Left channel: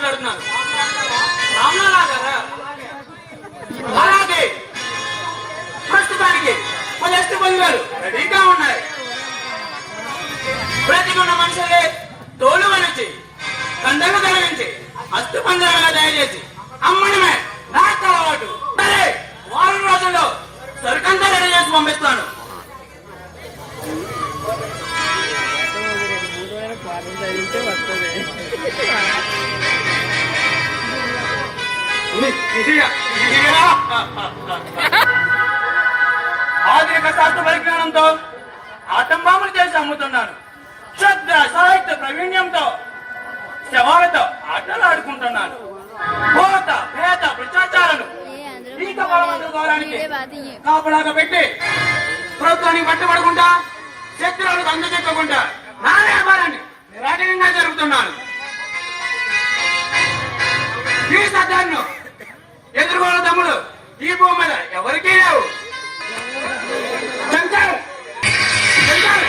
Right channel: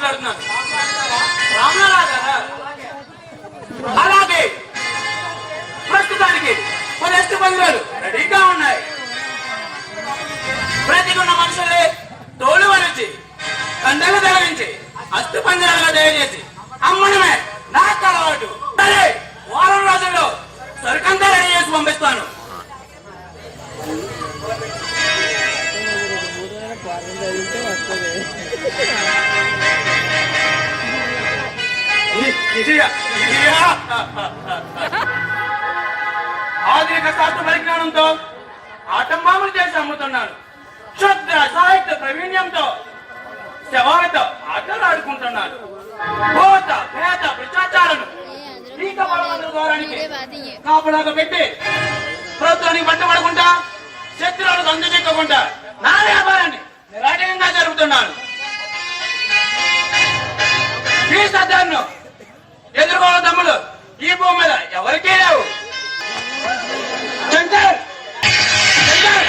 మాట్లాడుతున్నాను. రామలా గారా? అలాగే ప్రస్తుతానికి మన ఎస్టు బంధువులు రెడీగా ఉన్నాయి. బ్రతికున్న మనుషులే తోలు వరించి కండలు తరలించి అస్తు పంజరంగా దయచేసి అమ్మడమే నాకు అలవాటు. సరే, వారం రోజుల్లో సరుకంతా రెడీ చేసి పంపిస్తాను. ఆధునిక శాస్త్ర పరిజ్ఞానంతో ఆటంబాములు చేసి అమ్ముతున్నాను. క్షుద్ర సాహిత్య ప్రావీణ్యంతో శవాలతో ఆటలు ఆడుకుంటున్నాను. భూత పేద భ్రష్టాచారాలను కాపలాగా పెట్టి ప్రభుత్వానికి పట్టుబడకుండా శత్రువులకు అందజెక్కకుండా నా వ్యాపారాన్ని నిరాటంగా జరుపుతున్నాను. ఈ సత్యాన్ని ఎదుర్కోవడం తమ్ముడు ఈ భూమి మీద ఎవరికీ లేవు. శంకర్ శంకర్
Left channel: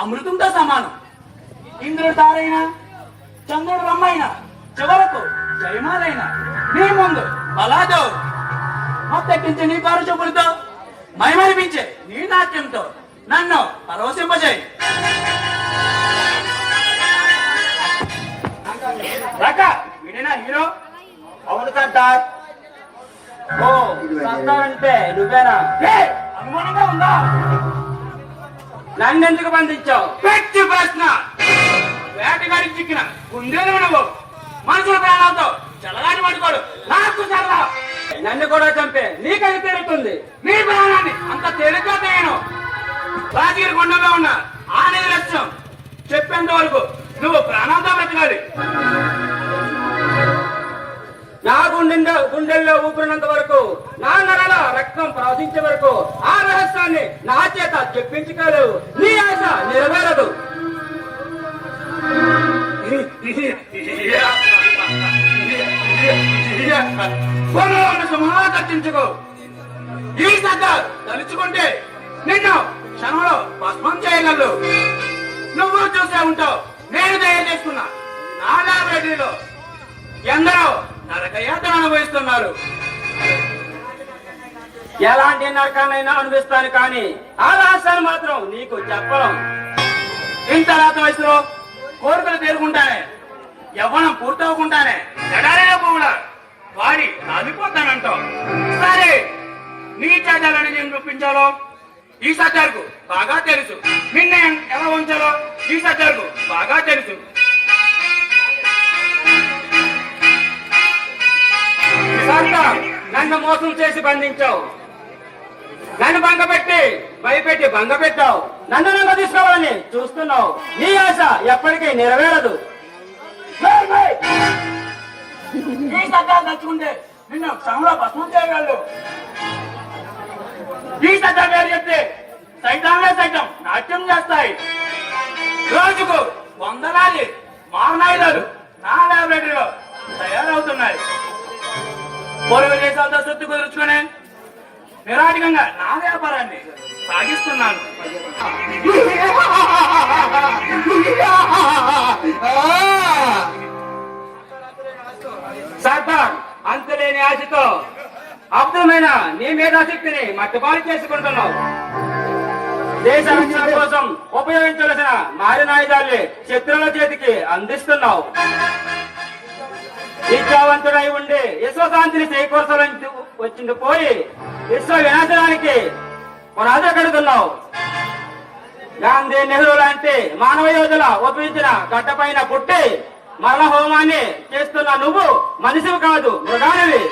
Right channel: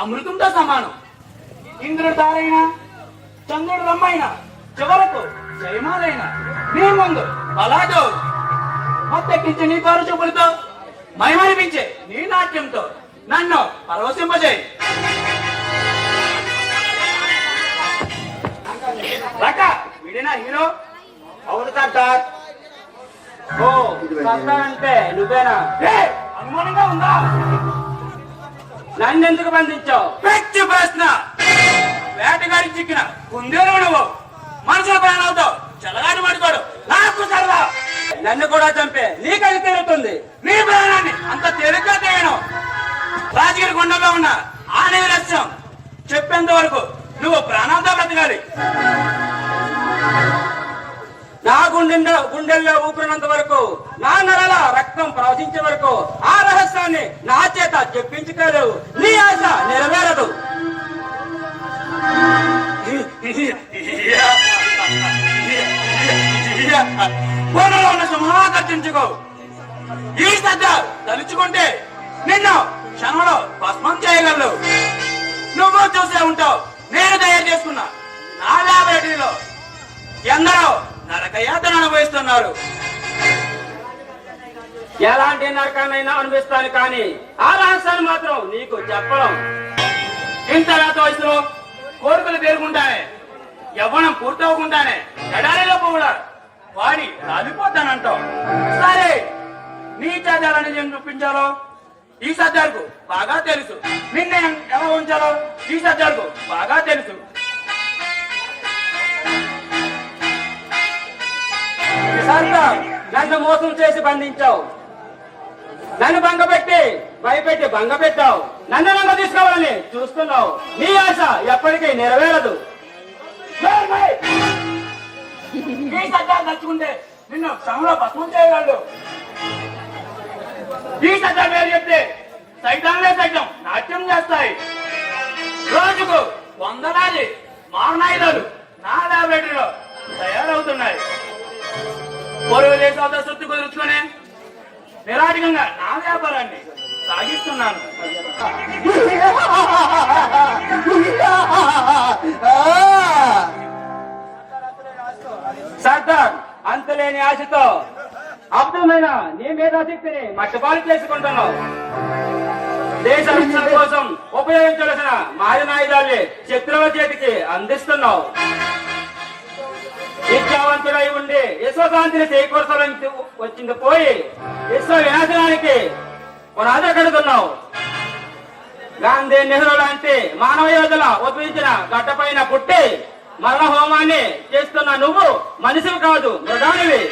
అమృతంతో సమానం. ఇంద్రుడు తారైనా చంద్రుడు రమ్మైనా చివరకు జయమాలైనా నీ ముందు బలాదో మత్తెక్కించి నీ కారు చూపులతో మైమరిపించే నీ నాట్యంతో నన్ను పరవశింపజేయి. వీడినా హీరో? అవును సర్దార్. ఓ సర్దార్ అంటే నువ్వేనా? అనుమానంగా ఉందా? నన్నెందుకు బంధించావు? వ్యక్తి ప్రశ్న. వేటగాడికి చిక్కిన కుందేలు నువ్వు మనుషుల ప్రాణాలతో చెలగాటి పడుకోడు నాకు సరదా. నన్ను కూడా చంపే నీకది తెలుస్తుంది. నీ ప్రాణాన్ని అంత తేలిగ్గా చేయను. రాజగిరి కొండలో ఉన్న ఆనే లక్ష్యం చెప్పేంత వరకు నువ్వు ప్రాణాలతో బ్రతకాలి. నా గుండెల్లో ఊపిరినంత వరకు, నా నరల రక్తం ప్రవహించే వరకు ఆ రహస్యాన్ని నా చేత చెప్పించుకోలేవు. నీ ఆశ నెరవేరదు. సింహాకర్షించుకో. ఈ సజ్జ తలుచుకుంటే నిన్ను క్షణంలో భస్మం చేయగలరు. నువ్వు చూసే ఉంటావు. నేను తయారు చేసుకున్నా నా ల్యాబొరేటరీలో ఎందరో నరకయాతన అనుభవిస్తున్నారు. ఎలాంటి నరకాన్నైనా అనుభవిస్తాను, కానీ ఆ రహస్యాన్ని మాత్రం నీకు చెప్పడం. ఇంత రాత వయసులో కోరికలు తేరుకుంటానే, యవ్వనం పూర్తవకుండానే ఎడారిలో కూడా వాడి రాలిపోతానంటావు. సరే, నీ చర్యలని నేను చూపించాలో ఈ సజ్జలకు బాగా తెలుసు. నిన్న ఎలా ఉంచాలో ఈ సజ్జలకు బాగా తెలుసు. నన్ను మోసం చేసి బంధించావు. నన్ను భంగపెట్టి భయపెట్టి భంగపెట్టావు. నన్ను తీసుకోవాలని చూస్తున్నావు. నీ ఆశ ఎప్పటికీ నెరవేరదు. ఈ సత్యాన్ని నచ్చుకుంటే నిన్ను క్షణంలో భస్మం చేయగలడు. ఈ సత్యం పేరు చెప్తే సైతాన్లే సైతం నాట్యం చేస్తాయి. రోజుకు వందలాది మారణాయుధాలు నా ల్యాబొరేటరీలో తయారవుతున్నాయి. పొరుగు దేశాలతో సొత్తు కుదుర్చుకొని నిరాటకంగా నా వ్యాపారాన్ని సాగిస్తున్నాను. సర్దార్, అంతలేని ఆశతో అర్థమైన నీ మేధాశక్తిని మట్టుపాలు చేసుకుంటున్నావు. దేశ రక్షణ కోసం ఉపయోగించవలసిన మారినాయుధాన్ని శత్రువుల చేతికి అందిస్తున్నావు. విద్యావంతుడై ఉండి విశ్వశాంతిని చేకూర్చాలని వచ్చింది పోయి విశ్వ వినాశనానికి పునాది కడుతున్నావు. గాంధీ, నెహ్రూ లాంటి మానవ యోధుల ఉపయోగించిన గడ్డపైన పుట్టి మరణ హోమాన్ని చేస్తున్న నువ్వు మనిషివి కాదు, మృగానివి.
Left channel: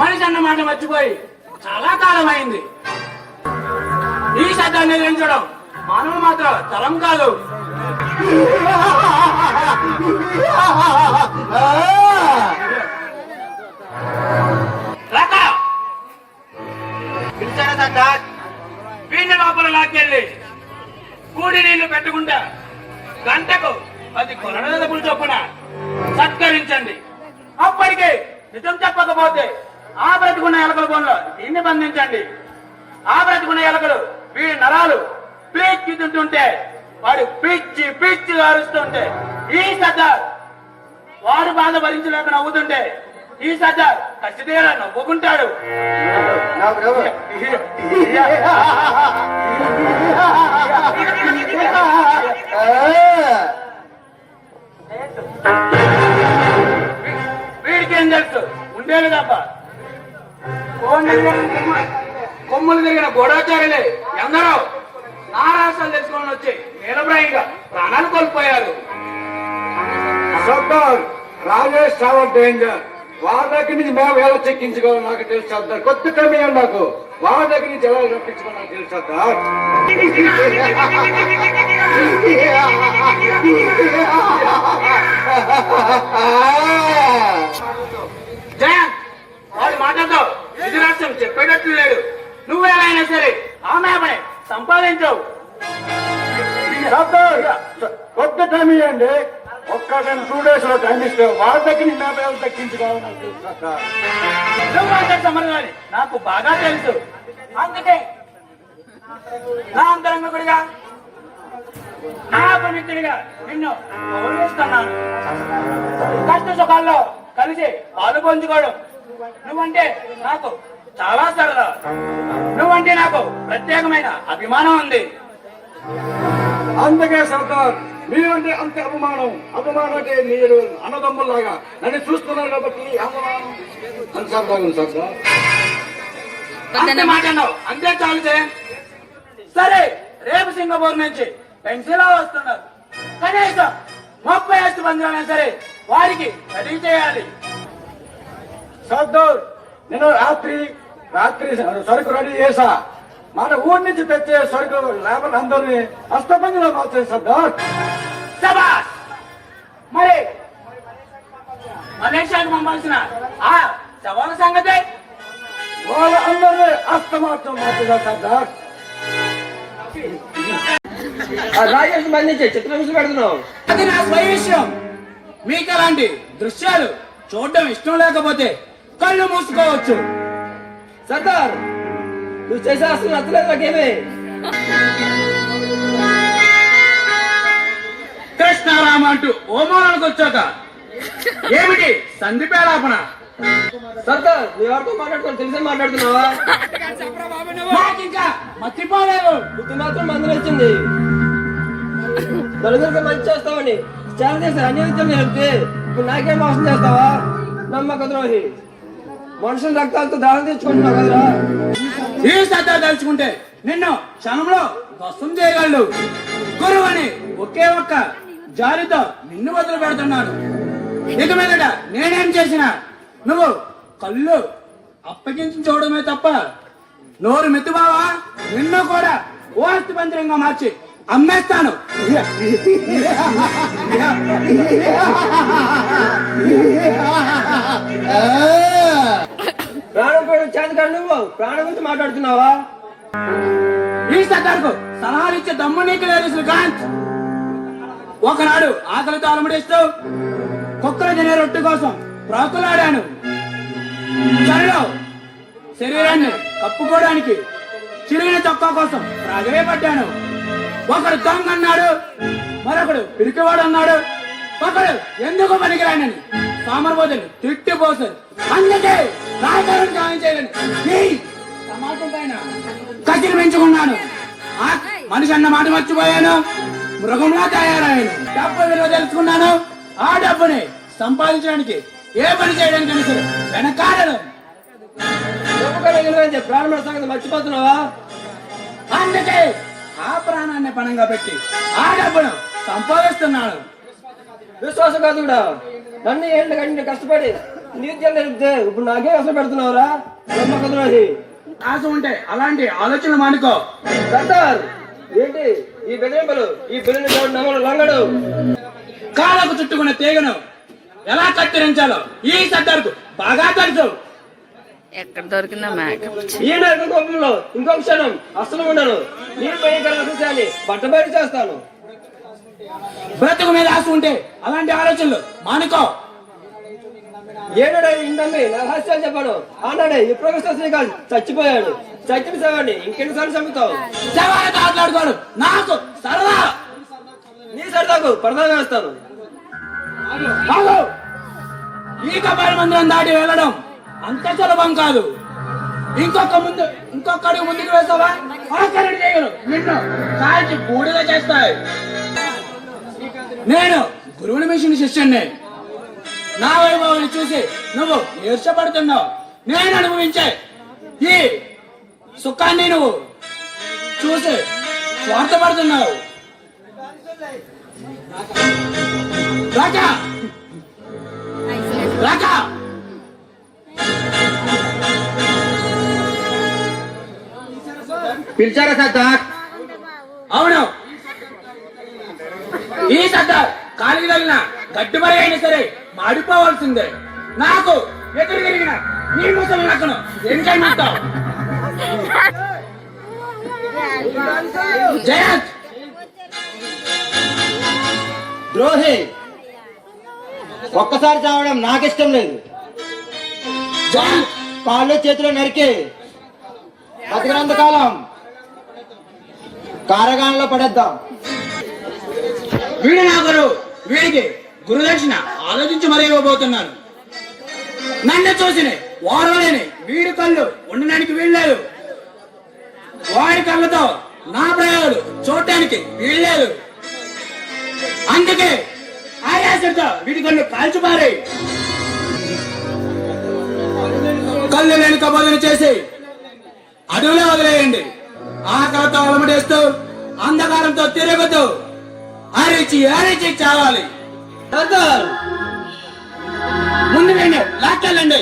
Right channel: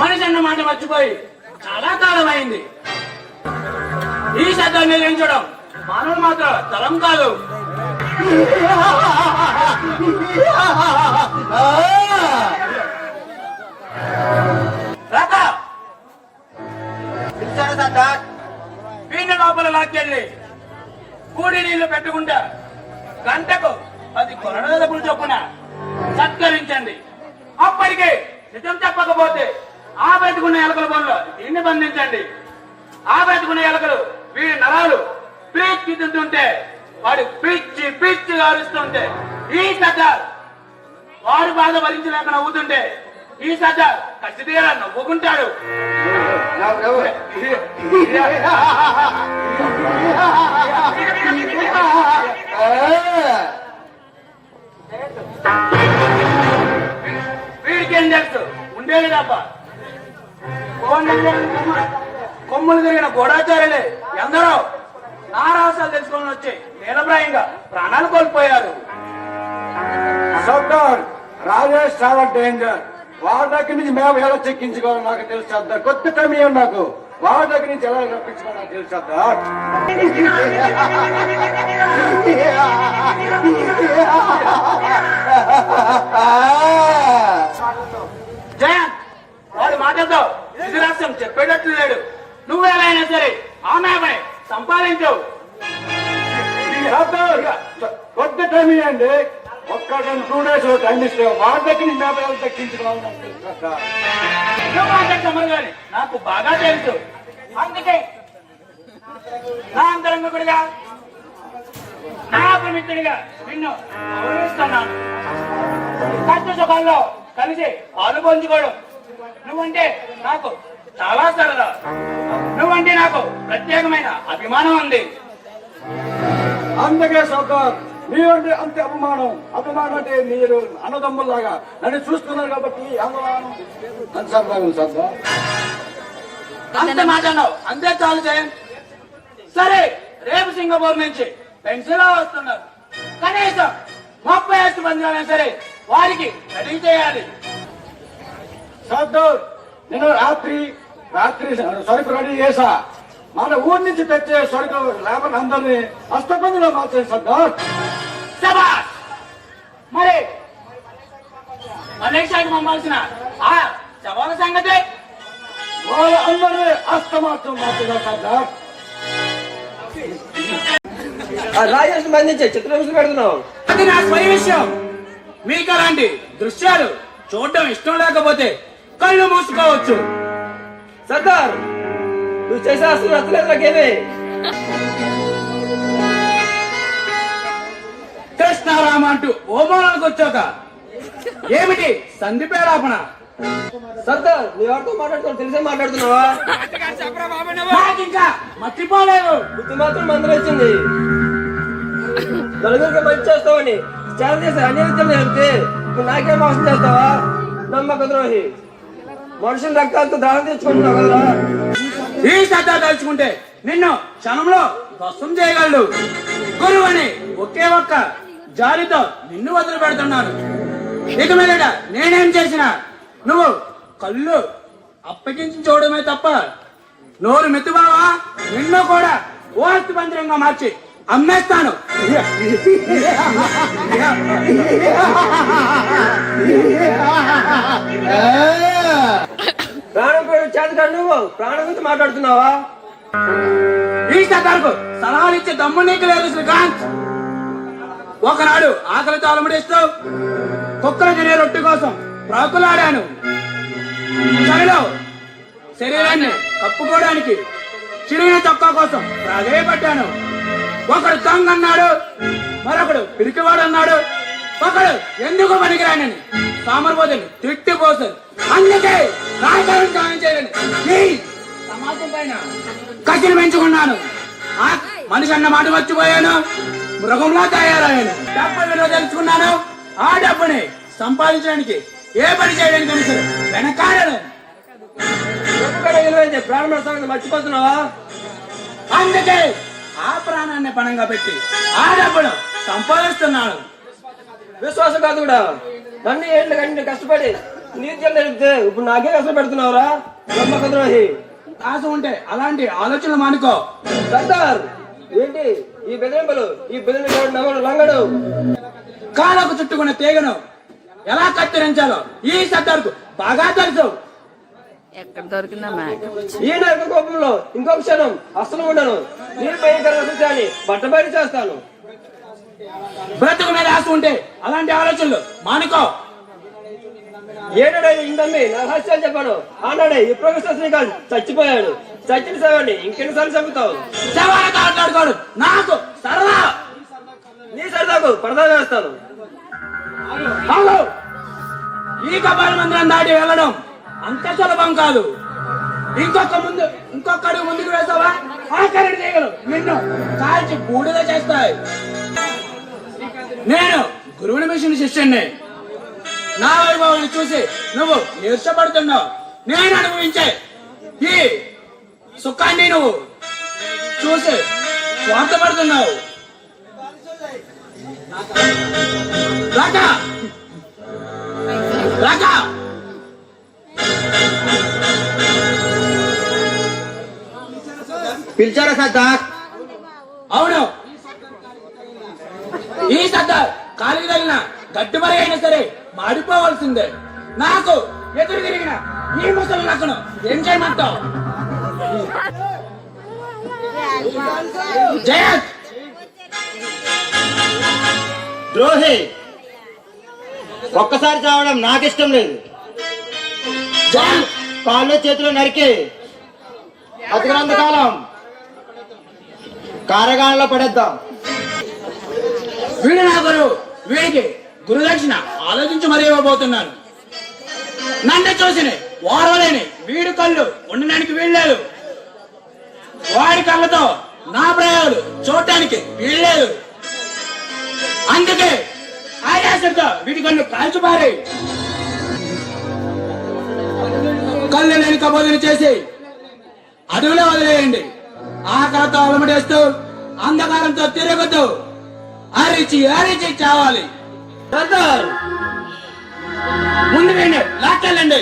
మనిషి అన్న మాట మర్చిపోయి చాలా కాలం అయింది. ఈ శబ్దం నిర్మించడం మానవుడు మాత్రం తరం కాదు. రాక పిలిచారా సర్దార్? వీళ్ళ లోపల లాక్కెళ్ళి కూడి నీళ్లు పెట్టకుండా గంటకు 10 కొరడాలకు చొప్పున సత్కరించండి. అప్పటికే నిజం చెప్పకపోతే ఆ బ్రతికున్న ఎలకల బొమ్మలో దీన్ని బంధించండి. ఆ బ్రతికున్న ఎలకలు వీడి నరాలు పీక్కి తింటుంటే వాడు పిచ్చి పిచ్చి అరుస్తుంటే ఈ సర్దార్ వాడు బాధ భరించలేక నవ్వుతుంటే ఈ సర్దార్ కసి తీరా నవ్వుకుంటాడు. వీడికేం తెలుసు ఉండేది తప్ప. కొమ్ములు తిరిగిన గూఢాచారులే ఎందరో నా రాష్ట్రాలు తెలుసుకొని వచ్చి నీలబ్రాయంగా ప్రాణాలు కోల్పోయారు. సర్దార్ రాజేష్ చాలా డేంజర్. వాళ్ళ దగ్గర నుంచి మేము ఎలా చెక్కించుకోవాలో నాకు తెలుసు సర్దార్. కొత్త టైం నాకు వాళ్ళ దగ్గర నుంచి ఎలా రప్పించుకోవాలో నాకు తెలుసు సర్దార్. జయంత్ వాడు మాట్లాడతావు ఇది రాష్ట్రం చెప్పేటట్లు లేడు. నువ్వు ఎలా అయినా సరే ఆమె సంపాదించవు. కొత్త టైం ఇవ్వండి. ఒక్క 2 days లో టైం ఇస్తే వాళ్ళ దగ్గర నుంచి మేము ఎలా దక్కించుకోవాలో నాకు తెలుసు సర్దార్. నువ్వు అంత సమరగాని నాకు బాగా తెలుసు. అందుకే నా అంతరంగకుడిగా నా పవిత్రుడిగా నిన్ను గౌరవిస్తున్నాను. కష్ట సుఖాల్లో కలిసి పాలు పంచుకోవడం నువ్వంటే నాకు చాలా సరదా. నువ్వంటే నాకు ప్రత్యేకమైన అభిమానం ఉంది. అందుకే సర్దార్ మీరంటే అంతే అభిమానం. అభిమానం అంటే మీరు అన్నదమ్ముల్లాగా నన్ను చూస్తున్నారు కాబట్టి అభిమానం అని సర్దార్. సర్దార్ అంతే మాట్లాడినావు అంతే చాలు జయంత్. సరే రేపు సింగపూర్ నుంచి పెన్సిల్ వస్తున్నారు. కనీసం 30 మంది సరే వారికి రెడీ చేయాలి. సర్దార్ నేను రాత్రి సరుకు రెడీ చేసా. మన ఊరి నుంచి తెచ్చే సరుకు లేబర్ అందరినీ అష్టమందిలో మార్చేది సర్దార్. శభాష్. మరి మలేషియాకు పంపాల్సిన ఆ సవాల సంగతి వాళ్ళందరినీ అస్తమాత్రం మార్చేదా సర్దార్. రాజేష్ బంధించే చిత్రహింసలు పెడుతున్నావు. అది నా స్వయ విషయం. మీకు అలాంటి దృశ్యాలు చూడడం ఇష్టం లేకపోతే కళ్ళు మూసుకోవచ్చు. సర్దార్ నువ్వు చేసే అసలు నచ్చలేదు నాకేమే. కృష్ణారామ అంటూ ఓమానానికి వచ్చాక ఏమిటి సంధి పేరాపణ? సర్దార్ నువ్వు ఎవరితో మాట్లాడుతున్నావు తెలిసే మాట్లాడుతున్నావా? నాకింకా మర్చిపోలేదు. బుద్ధి మాత్రం మందరం ఇచ్చింది. నలుగురికి మంచి చేస్తావని చాలా చేసి అన్ని విద్యలు చెప్తే నువ్వు నాకేం మోసం చేస్తావా? నమ్మక ద్రోహి. మనుషుల రక్తాలతో దాహం తెచ్చుకుంటున్నావు కదా. ఈ సత్తా తలుచుకుంటే నిన్ను క్షణంలో ధ్వంసం చేయగలడు. గురువని ఒకే ఒక్క జాలితో నిన్ను వదిలి పెడుతున్నాను. ఇక మీదట నేనేం చేసినా నువ్వు కళ్ళు అప్పగించి చూడమే తప్ప నోరు మెత్తుబావా నిన్ను కూడా ఓస్తి పంత్రంగా మార్చి అమ్మేస్తాను. ప్రాణం కూడా చేతకాడు. నువ్వు ప్రాణం గురించి మాట్లాడుతున్నావా? ఈ సర్దార్కు సలహాలు ఇచ్చే దమ్ము నీకు లేదు శ్రీకాంత్. ఒకనాడు ఆకలితో అలమడిస్తూ కుక్కల తినే రొట్టె కోసం ప్రాకులాడాను. చలిలో శరీరాన్ని కప్పుకోవడానికి చిరిగిన చొక్కా కోసం ప్రాధేయపడ్డాను. ఒకడు దొంగ అన్నాడు, మరొకడు పిరికివాడు అన్నాడు, ఒకడు ఎందుకు పనికిరానని సామర్బోధుని తిట్టిపోసారు. అందుకే రాజాలను సాయం చేయాలని నీ సమాజం పైన కసిలు పెంచుకున్నాను. మనిషి అన్న మాట మర్చిపోయాను. మృగంలా తయారయ్యాను. డబ్బు విలువ తెలుసుకున్నాను. ఆ డబ్బుని సంపాదించడానికి ఏ పని చేయడానికి సరే వెనకాడను. ప్రాణం సంగతి మర్చిపోతున్నావా? అందుకే ఆ ప్రాణాన్ని పణంగా పెట్టి ఆ డబ్బును సంపాదిస్తున్నాను. విశ్వాసఘాతుడా. నన్ను ఏళ్ళు కంటే కష్టపడి నీత్యం తెలిపితే ఇప్పుడు నాకే కష్టం పెడుతున్నావురా నమ్మక ద్రోహి. ఆశ ఉంటే అలాంటి ఆలోచనలు మానుకో. సర్దార్ ఏంటి ఈ బెదిరింపులు ఈ బెదిరింపు నమ్మడు లంగడు. కాళ్ళకు చుట్టుకున్న తీగను ఎలా కత్తిరించాలో ఈ సర్దార్కు బాగా తెలుసు. ఎక్కడ దొరికిందా మేకప్? ఈ నరక కోపంలో ఇంకొక క్షణం అస్సలు ఉండను. నేను భయంకరంగా చూశాను, బట్టబయలు చేస్తాను. బ్రతుకు మీద ఆశ ఉంటే అలాంటి ఆలోచనలు మానుకో. ఏనాడే ఇంటమ్మి నా రహస్యాలు చెప్పాను. ఆనాడే ఈ ప్రొఫెసర్ శ్రీకాంత్ చచ్చిపోయాడు. చచ్చిన సేవాడిని ఇంకెన్నిసార్లు చంపుతావు? శవాలతో ఆటలాడుకోడు నాకు సరదా. నీ సరదాకు పరదా వేస్తాను. ఆగు. ఈ కపాల మందిరం దాటి వెళ్ళడం అంత సులభం కాదు. ఇంకొక అడుగు ముందుకు వేసావా ఆఖరి తీగలు నిన్ను కాల్చి బూడిద చేస్తాయి. నేను గురువుని మిషన్ శిష్యుణ్ణి. నా వైభవాన్ని చూసి నువ్వు ఈర్ష్యపడుతున్నావు. నేను అనుభవించే ఈ సుఖాన్ని నువ్వు చూసి స్వార్థపడుతున్నావు. రాకా రాకా పిలిచారా సర్దార్? అవును, ఈ సర్దార్ కాలికి తగిలిన గడ్డిమరి అయినా సరే మాడిపోవాల్సిందే. నాకు ఎదురు తిరిగిన ఈ ముసలి నక్కను ఏం చేయమంటావు? జయంత్ ద్రోహి, ఒక్కసారి చావడం నాకిష్టం లేదు. జయంత్ కాళ్ళు చేతులు నరికి బతికినంత కాలం కారగానంలో పడేద్దాం. వీడు నా గురువు. వీడికి గురుదక్షిణ ఆలోచించి మరీ ఇవ్వబోతున్నాను. నన్ను చూసిన ఓరలేని వీడి కళ్ళు ఉండడానికి వీల్లేదు. వాడి కళ్ళతో నా ప్రయోగాలు చూడటానికి వీల్లేదు. అందుకే ఆయాసంతో వీడి కళ్ళు కాల్చిపారి కళ్ళు లేని కబోదులు చేసి అడవిలో వదిలేయండి. ఆకలితో అలమటేస్తూ అంధకారంతో తిరుగుతూ అరిచి అరిచి చావాలి. సర్దార్ ముందు వీడిని లాక్కెళ్ళండి.